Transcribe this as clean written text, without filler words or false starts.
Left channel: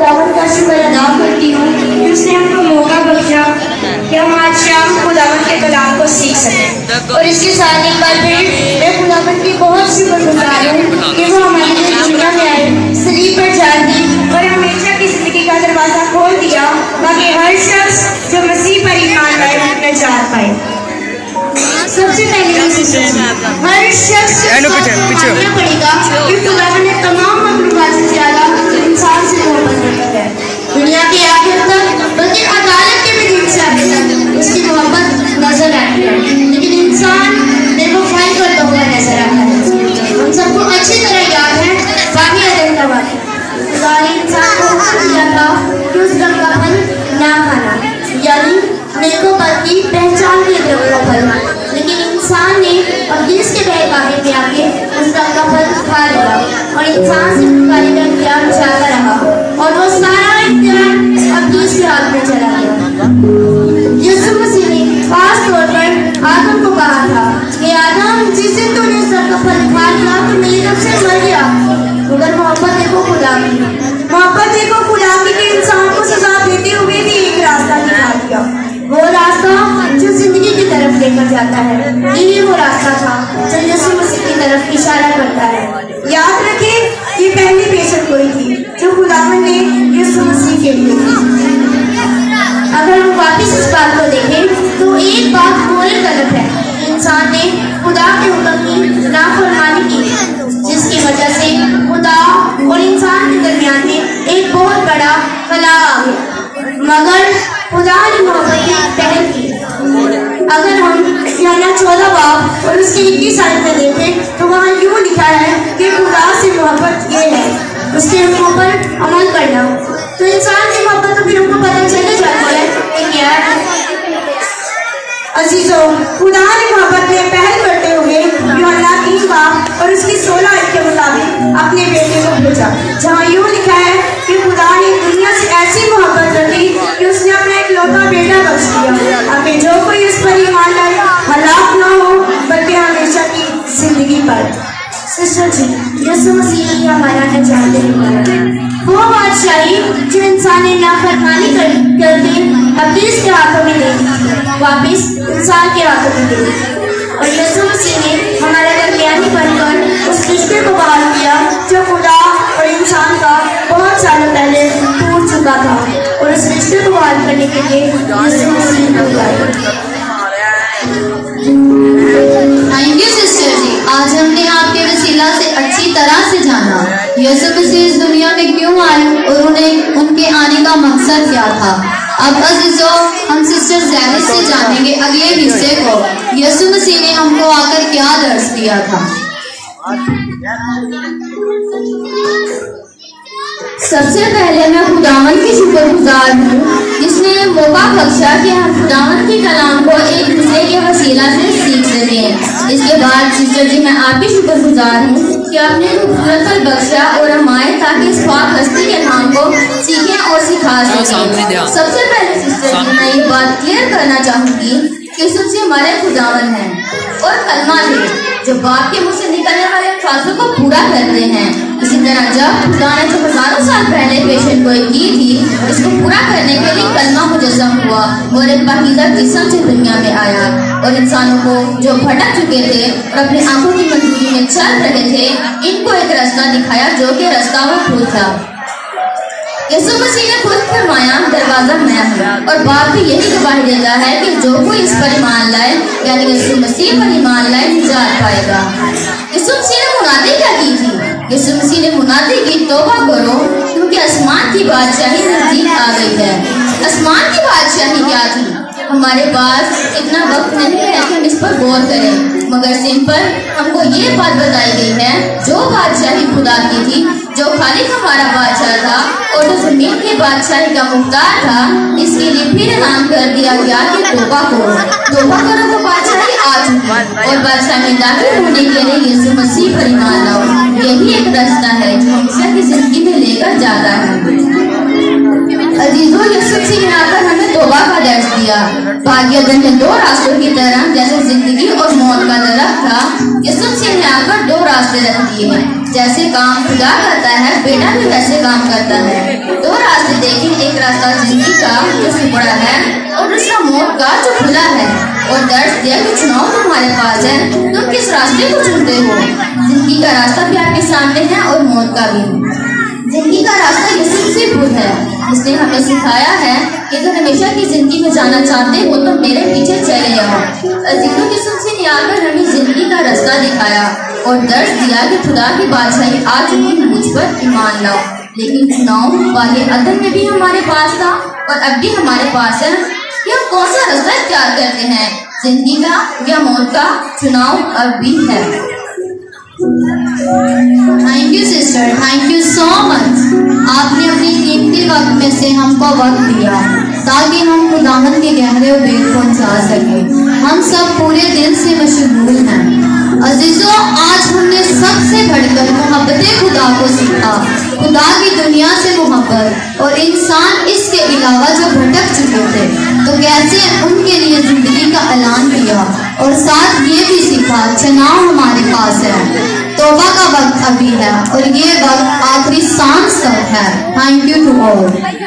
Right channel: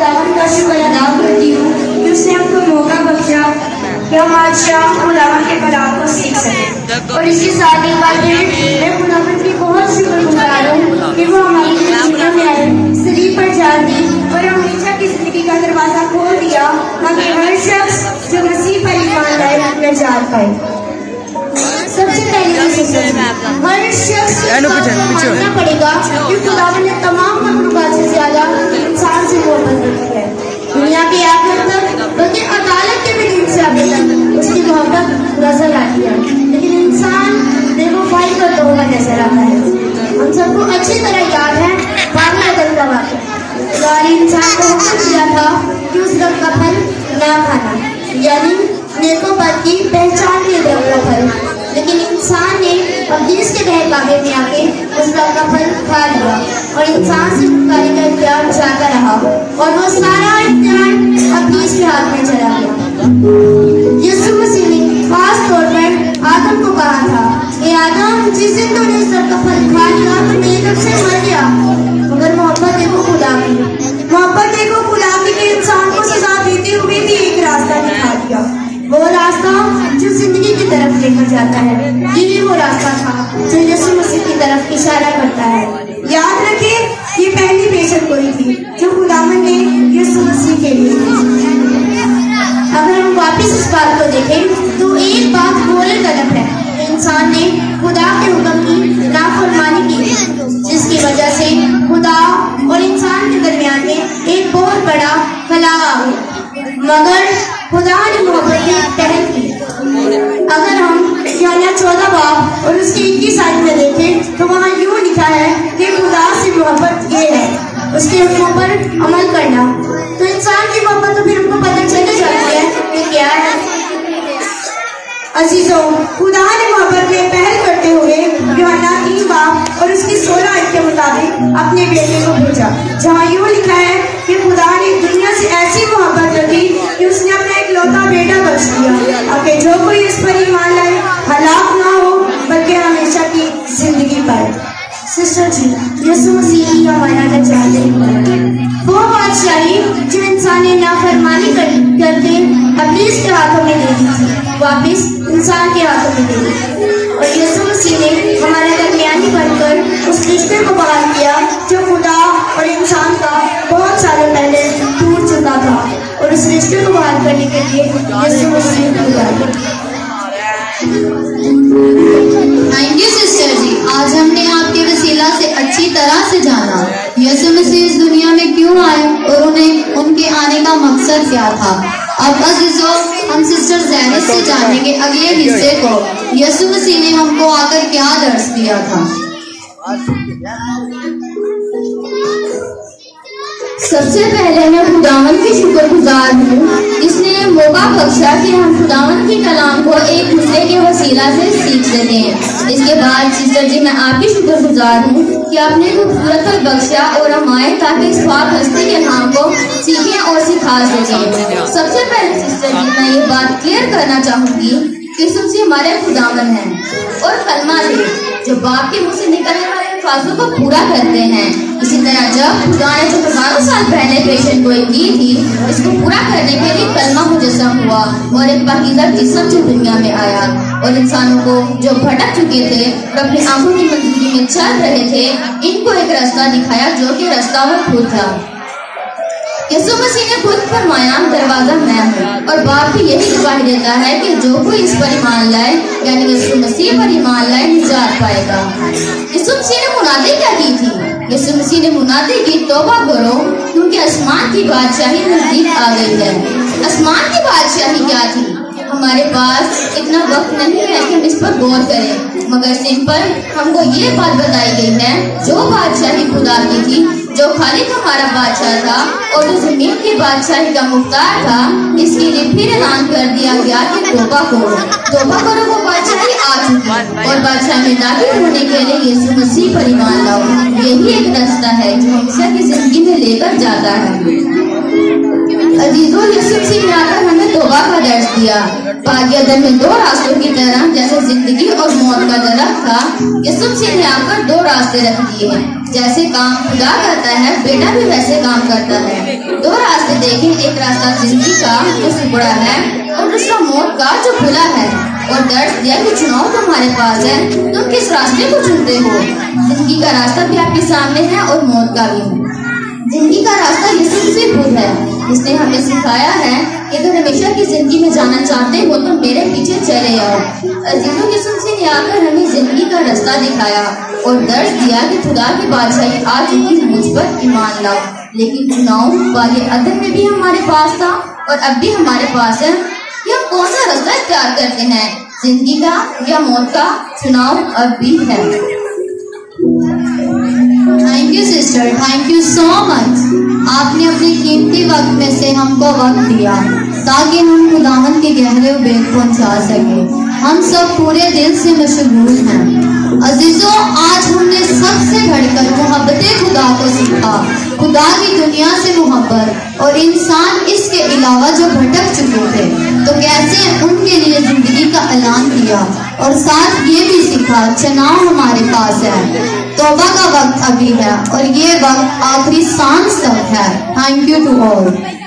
खुदावन का शुक्र अदा करती हूँ कि उसने हमको मौका बख्शा कि हम आज शाम खुदावन के कलाम को सीख सकें। और इसके साथ ही बात मैं खुदावन की बहुत शुक्रगुजार हूँ कि वो हमारे लिए दुनिया में आए, सलीब पर जान दी और हमेशा की जिंदगी का दरवाजा खोल दिया ताकि हर शख्स जो मसीह पर ईमान लाए नजात पाए। सबसे पहले हर शख्स मानना पड़ेगा कि खुदावन ने तमाम मखलूकात से ज्यादा इंसान से मोहब्बत रखी है। दुनिया के आखिर तक बल्कि अदालत के भी दिन से आगे तक उसकी मोहब्बत नजर आती है, लेकिन इंसान बेवफाई करता हुआ नजर आता है। हम सबको अच्छी तरह याद है बाकी अदम का वाक़या। खुदा ने इंसान को हुक्म दिया था कि उस दरख्त का फल ना खाना, यानी नेको बद की पहचान के दरख्त का फल, लेकिन इंसान ने अब्लीस के बहकावे में आके उस दरख्त का फल खा लिया और इंसान से छुटकारे का इख्तियार चाहता रहा और वो सारा इख्तियार अब्लीस के हाथ में चला गया। यीशु मसीह ने खास तौर पर आदम को कहा था कि आदम, जिस दिन तूने उस दरख्त का फल खा लिया तो मेरी तरफ से मर गया। मगर मोहब्बत देखो खुदा की, मोहब्बत देखो खुदा की कि इंसान को सजा देते हुए भी एक रास्ता दिखा दिया, वो रास्ता जो जिंदगी की तरफ लेकर जाता है। यही वो रास्ता था जो यीशु मसीह की तरफ इशारा करता है। याद रखें, ये पहली पेशकश हुई थी जो खुदावन ने यीशु मसीह के लिए की। अगर हम वापिस इस बात को देखें तो एक बात बोले गलत है, इंसान ने खुदा के हुक्म की नाफरमानी की, जिसकी वजह से खुदा और इंसान के दरमियान में एक बहुत बड़ा खला आ गया। मगर खुदा ने मोहब्बत की पहल की। अगर हम यूहन्ना 14 बाब और उसके 21 आयत में देखें तो वहाँ यूँ लिखा है कि खुदा से मोहब्बत ये है उसके हुक्मों पर अमल करना। तो इंसान की मोहब्बत तो फिर हमको पता चले जाती है कि क्या है। अजीजों, खुदा ने मोहब्बत में पहल करते हुए यूहन्ना 3 बाब और उसकी 16 आयत के मुताबिक अपने बेटे को भेजा, जहाँ यूँ लिखा है कि खुदा ने दुनिया से ऐसी मोहब्बत रखी कि उसने अपना इकलौता बेटा बख्श दिया ताकि जो कोई इस पर ईमान लाए हलाक ना हो बल्कि हमेशा की जिंदगी पाए। सिस्टर जी, यीशु मसीह ही हमारा नजात है। वो बादशाही जो इंसान ने नाफरमानी करके अब्लीस के हाथों में दे दी थी, वापिस इंसान के हाथों में दे दी और यीशु मसीह ने हमारे दरमियानी बनकर उस रिश्ते को बहाल किया जो खुदा और इंसान का बहुत सालों पहले टूट चुका था। और उस रिश्ते को बहाल करने के लिए यीशु मसीह को थैंक यू सिस्टर जी। आज हमने आपके वसीला से अच्छी तरह से जाना यीशु मसीह इस दुनिया में क्यों आए और उन्हें उनके आने का मकसद क्या था। अब अज़ीज़ों, हम सिस्टर ज़ैनिब से जानेंगे अगले हिस्से को, यीशु मसीह ने हमको आकर क्या दर्श दिया था। सबसे पहले मैं खुदावन की शुक्रगुजार हूँ जिसने मौका बख्शा कि हम खुदावन की कलाम को एक दूसरे के वसीला से सीख लेते हैं। इसके बाद सिस्टर जी, मैं आपकी शुक्रगुजार हूँ कि आपने खूबसूरत पर बख्शा और हम आए ताकि इस पाक हस्ती के नाम को सीखें और सिखा सकें। सबसे पहले सिस्टर जी, मैं ये बात क्लियर करना चाहूँगी कि सबसे हमारे खुदावन हैं और कलमा थे जो बाप के मुँह से निकलने वाले अल्फाजों को पूरा करते हैं। इसी तरह जब खुदा ने जो हजारों साल पहले पेशेंट गोई की थी, इसको पूरा करने के लिए कलमा मुजस्सम हुआ और एक पाकीज़ा जिस्म से दुनिया में आया और इंसानों को जो भटक चुके थे और अपनी आंखों की मंजूरी में चल रहे थे, इनको एक रास्ता दिखाया जो कि रास्ता वो खुद था। यीशु मसीह ने खुद फरमाया, दरवाजा मैं हूँ, और बाप भी यही गवाही देता है कि जो कोई इस पर ईमान लाए यानी यीशु मसीह पर ईमान लाए निजात पाएगा। यीशु मसीह ने मुनादी क्या की थी? यीशु मसीह ने मुनादी की, तौबा करो क्योंकि आसमान की बादशाही नजदीक आ गई है। आसमान की बादशाही क्या थी? हमारे पास इतना वक्त नहीं है कि हम इस पर गौर करें, मगर सिंपल हमको ये बात बताई गई है, जो बादशाही खुदा की थी, जो खालिक हमारा बादशाह था और जो जमीन की बादशाही का मुख्तार था, इसके लिए फिर ऐलान कर दिया गया कि तौबा करो तो बादशाही आ चुकी और बादशाह में दाखिल होने के लिए यीशु मसीह पर ईमान लाओ। यही एक रास्ता है जो हमेशा की जिंदगी में लेकर जाता है। अजीजों, यीशु मसीह ने आकर हमें तौबा का दर्ज दिया। पादियादन में दो रास्तों की तरह जैसे जिंदगी और मौत का दरख्त था, यीशु मसीह ने आकर दो रास्ते रख दिए हैं। जैसे काम खुदा करता है, बेटा भी वैसे काम करता है। दो रास्ते دیکھیں ایک راستہ زندگی کا جو سکڑا ہے اور دوسرا موت کا جو کھلا ہے، اور درس دیا کہ چناؤ تمہارے پاس ہے، تم کس راستے کو چنتے ہو؟ زندگی کا راستہ بھی آپ کے سامنے ہے اور موت کا بھی۔ زندگی کا راستہ یسوع مسیح خود ہے، جس نے ہمیں سکھایا ہے کہ اگر ہمیشہ کی زندگی میں جانا چاہتے ہو تو میرے پیچھے چلے آؤ۔ عزیزوں، یسوع مسیح نے آ کر ہمیں زندگی کا راستہ دکھایا اور درس دیا کہ خدا کی بادشاہی آ چکی، مجھ پر ایمان لاؤ۔ لیکن چناؤ والے عدل میں بھی ہمارے پاس تھا اور اب بھی ہمارے پاس ہے کہ ہم کون سا راستہ اختیار کرتے ہیں، زندگی کا یا موت کا؟ چناؤ اب بھی ہے۔ Thank you sister, thank you so much. آپ نے اپنی قیمتی وقت میں سے ہم کو وقت دیا تاکہ ہم خداوند کے گہرے بیت پہنچا سکیں۔ ہم سب پورے دل سے مشغول ہیں۔ عزیزوں، آج ہم نے سب سے بڑھ کر محبت خدا کو سیکھا، خدا کی دنیا سے محبت، اور انسان اس کے علاوہ جو بھٹک چکے تھے تو کیسے ان کے لیے زندگی کا اعلان کیا، اور ساتھ یہ بھی سیکھا چناؤ ہمارے پاس ہے، توبہ کا وقت ابھی ہے اور یہ وقت آخری سانس تک ہے۔ Thank you to all.